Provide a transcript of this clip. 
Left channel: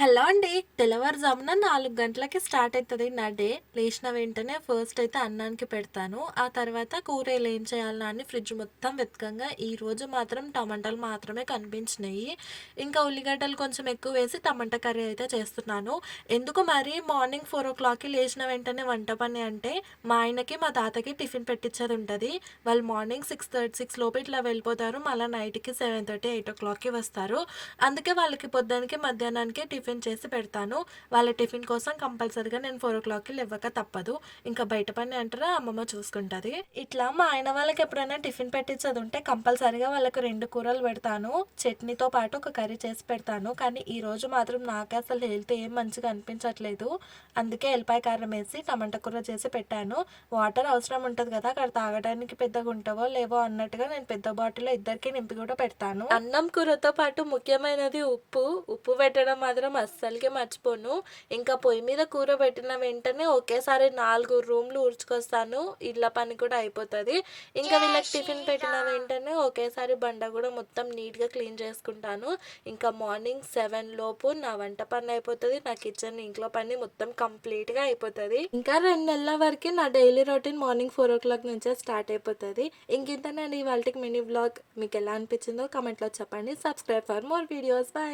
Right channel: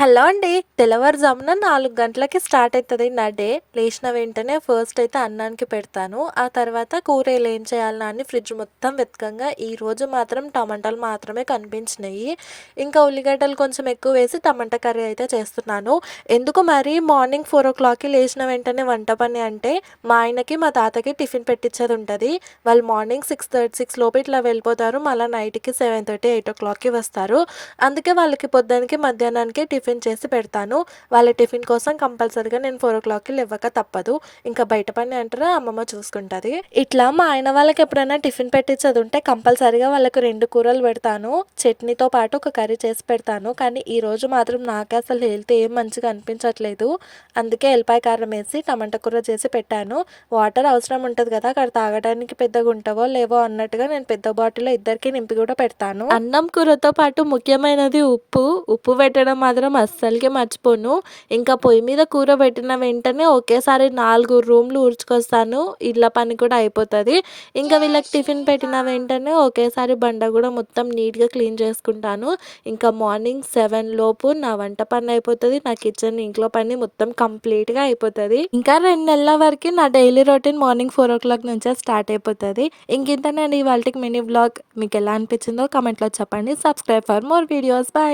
Hello అండి. తెల్లవారుజామున 4 గంటలకి స్టార్ట్ అయితది నా డే. లేచిన వెంటనే ఫస్ట్ అయితే అన్నానికి పెడతాను. ఆ తర్వాత కూరలు ఏం చేయాలా అని ఫ్రిడ్జ్ మొత్తం వెతకంగా ఈరోజు మాత్రం టమాటాలు మాత్రమే కనిపించినాయి. ఇంకా ఉల్లిగడ్డలు కొంచెం ఎక్కువ వేసి టమాటా కర్రీ అయితే చేస్తున్నాను. ఎందుకు మరి మార్నింగ్ 4:00కి లేచిన వెంటనే వంట పని అంటే, మా ఆయనకి, మా తాతకి టిఫిన్ పెట్టిచ్చేది ఉంటది. వాళ్ళు మార్నింగ్ 6 లోపు ఇట్లా వెళ్ళిపోతారు. మళ్ళా నైట్‌కి 7:30, 8:00కి వస్తారు. అందుకే వాళ్ళకి పొద్దునకి, మధ్యాహ్నానికి టిఫిన్ చేసి పెడతాను. వాళ్ళ టిఫిన్ కోసం కంపల్సరీగా నేను 4:00కి లెవ్వక తప్పదు. ఇంకా బయట పని అంటారా అమ్మమ్మ చూసుకుంటది. ఇట్లా మా ఆయన వాళ్ళకి ఎప్పుడైనా టిఫిన్ పెట్టించేదుంటే కంపల్సరీగా వాళ్ళకి 2 కూరలు పెడతాను. చట్నీతో పాటు ఒక కర్రీ చేసి పెడతాను. కానీ ఈరోజు మాత్రం నాకే అసలు హెల్త్ ఏం మంచిగా అనిపించట్లేదు. అందుకే ఎల్లిపాయ కారం వేసి టమాటా కూర చేసి పెట్టాను. వాటర్ అవసరం ఉంటది కదా! అక్కడ తాగడానికి పెద్దగా ఉంటావో లేవో అన్నట్టుగా నేను పెద్ద బాటిల్‌లో ఇద్దరికీ నింపి కూడా పెడతాను. అన్నం కూరతో పాటు ముఖ్యమైనది ఉప్పు. ఉప్పు పెట్టడం మాత్రం అస్సలకే మర్చిపోను. ఇంకా పొయ్యి మీద కూర పెట్టిన వెంటనే ఒకేసారి 4 రూమ్‌లు ఊడ్చుకొస్తాను. ఇళ్ళ పని కూడా అయిపోతది. ఇంకా వీళ్ళకి టిఫిన్ పెట్టిన వెంటనే ఒకేసారి బండ కూడా మొత్తం నీట్‌గా క్లీన్ చేసుకుంటాను. ఇంకా మార్నింగ్ 7 లోపు నా వంట పని అయిపోతది. నా కిచెన్, ఇంట్లో పని మొత్తం కంప్లీట్‌గా అయిపోతది. ఇంకా 2 నెలల వరకి నా డైలీ రొటీన్ మార్నింగ్ 4:00 నుంచే స్టార్ట్ అయిపోతది. ఇంకింతేనండి ఇవాల్టికి మినీ వ్లాగ్. మీకెలా అనిపించిందో కామెంట్‌లో చెప్పండి. Subscribe for more videos. By.